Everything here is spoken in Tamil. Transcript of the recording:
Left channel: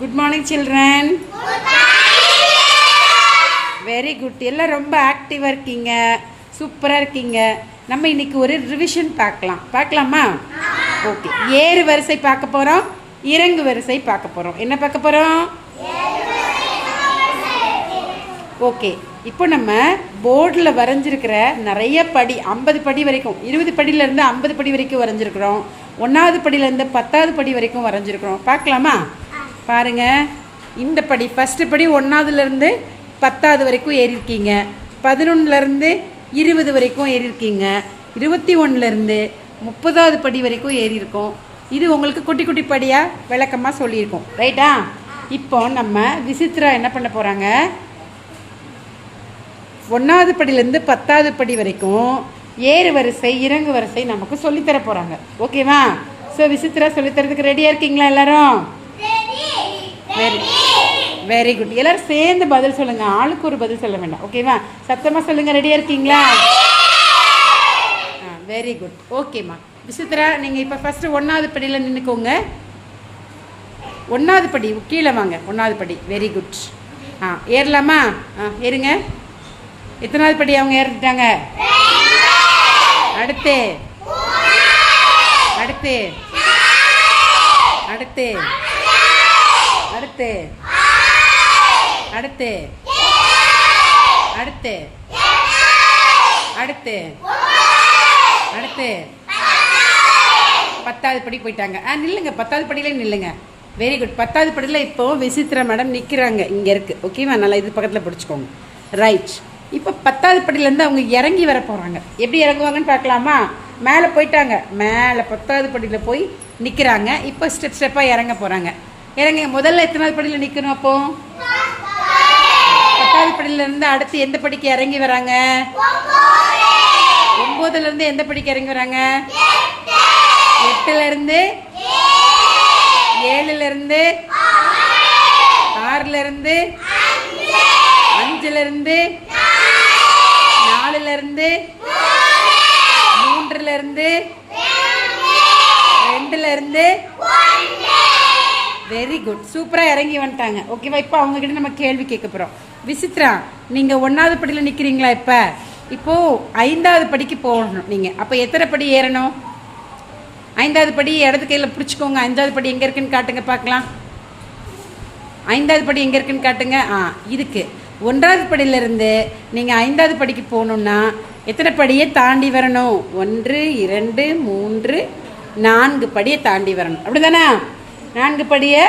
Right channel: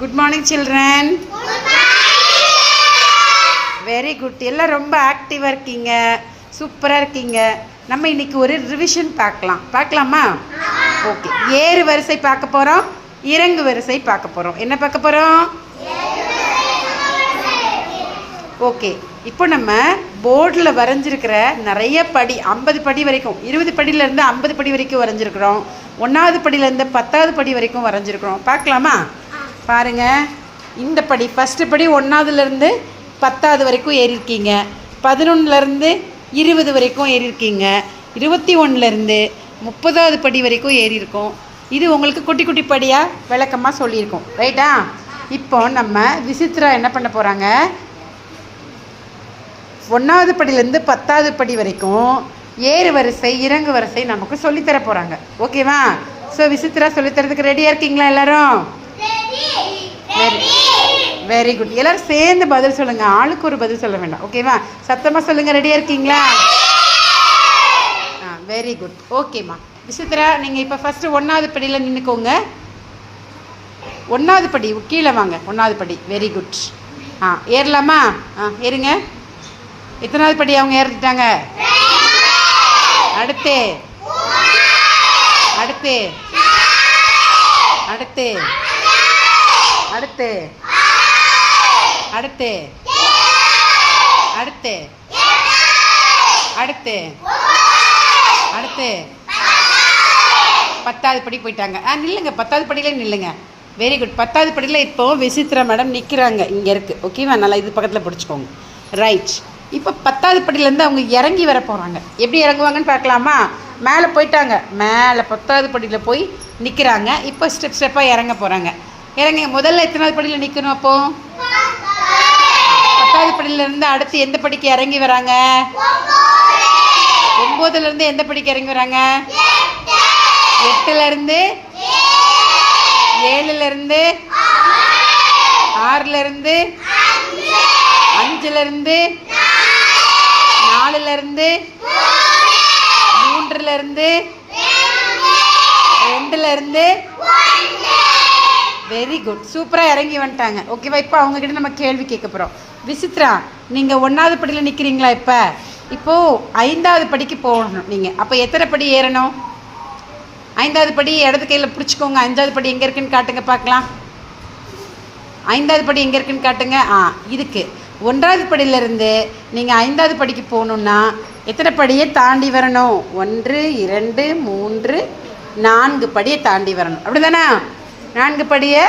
Good morning, children. Very good. எல்லாம் ரொம்ப ஆக்டிவாக இருக்கீங்க, சூப்பராக இருக்கீங்க. நம்ம இன்னைக்கு ஒரு ரிவிஷன் பார்க்கலாமா? ஓகே. ஏறு வரிசை பார்க்க போகிறோம், இறங்கு வரிசை பார்க்க போகிறோம். என்ன பார்க்க போகிறோம்? ஓகே. இப்போ நம்ம போர்டில் வரைஞ்சிருக்கிற நிறைய படி 50 படி வரைக்கும், 20 படியிலேருந்து 50 படி வரைக்கும் வரைஞ்சிருக்கிறோம். 1வது படியிலேருந்து 10வது படி வரைக்கும் வரைஞ்சிருக்கிறோம். பார்க்கலாமா? பாருங்கள், இந்த படி ஃபஸ்ட்டு படி 1வதுலேருந்து 10வது வரைக்கும் ஏறியிருக்கீங்க, 11லேருந்து 20 வரைக்கும் ஏறியிருக்கீங்க, 21லேருந்து 30வது படி வரைக்கும் ஏறியிருக்கோம். இது உங்களுக்கு குட்டி குட்டி படியாக விளக்கமாக சொல்லியிருக்கோம், ரைட்டா? இப்போ நம்ம விசித்ரா என்ன பண்ண போகிறாங்க, 1வது படியிலேருந்து 10வது படி வரைக்கும் ஏறு வரிசை இறங்கு வரிசை நமக்கு சொல்லித்தர போகிறாங்க. ஓகேவா? ஸோ விசித்ரா சொல்லித்தரதுக்கு ரெடியாக இருக்கீங்களா எல்லாரும்? Very good. எல்லோரும் சேர்ந்து பதில் சொல்லுங்கள், ஆளுக்கு ஒரு பதில் சொல்ல வேண்டாம். ஓகேவா? சத்தமாக சொல்லுங்கள். ரெடியாக இருக்கீங்களா? Very good. ஓகேம்மா. விசித்ரா, நீங்கள் இப்போ ஃபஸ்ட்டு 1வது படியில் நின்றுக்கோங்க. 1வது படி கீழே வாங்க. 1வது படி. Very good. ஏறலாமா? ஏறுங்க. எத்தனாவது படி அவங்க ஏறிட்டாங்க? அடுத்து அடுத்து அடுத்து அடுத்து அடுத்து அடுத்து அடுத்து அடுத்து 10வது படி போயிட்டாங்க. நில்லுங்க, 10வது படியிலே நில்லுங்க. Very good. 10வது படியில் இப்போ விசித்ரா மேடம் நிற்கிறாங்க, இங்கே இருக்குது. ஓகேவா? நல்லா இது பக்கத்தில் பிடிச்சிக்கோங்க. ரைட். இப்போ 10வது படியிலேருந்து அவங்க இறங்கி வர போகிறாங்க. எப்படி இறங்குவாங்கன்னு பார்க்கலாமா? மேலே போயிட்டாங்க, மேலே 10வது படியில் போய் நிற்கிறாங்க. இப்போ ஸ்டெப்பாக இறங்க போகிறாங்க. இறங்க. முதல்ல எத்தனாவது படியில் நிற்கணும்? அப்போது 10வது படியிலேருந்து அடுத்து எந்த படிக்கு இறங்கி வராங்க? 9லேருந்து எந்த படிக்கு இறங்கி வராங்க? 8லேருந்து 7லேருந்து 6லேருந்து 5லேருந்து 4லேருந்து 3லேருந்து 2லேருந்து. Very good. சூப்பராக இறங்கி வந்துட்டாங்க. ஓகேவா? இப்போ அவங்கக்கிட்ட நம்ம கேள்வி கேட்க போகிறோம். விசித்ரா, நீங்கள் 1வது படியில் நிற்கிறீங்களா? இப்போது 5வது படிக்கு போகணும் நீங்கள். அப்போ எத்தனை படி ஏறணும்? 5வது படி இடது கையில் பிடிச்சிக்கோங்க. 5வது படி எங்கே இருக்குன்னு காட்டுங்க பார்க்கலாம். 5வது படி எங்கே இருக்குன்னு காட்டுங்க. இதுக்கு 1வது படியிலேருந்து நீங்கள் 5வது படிக்கு போகணுன்னா எத்தனை படியை தாண்டி வரணும்? 1 2 3 4 படியை தாண்டி வரணும். அப்படி தானே? 4 படியை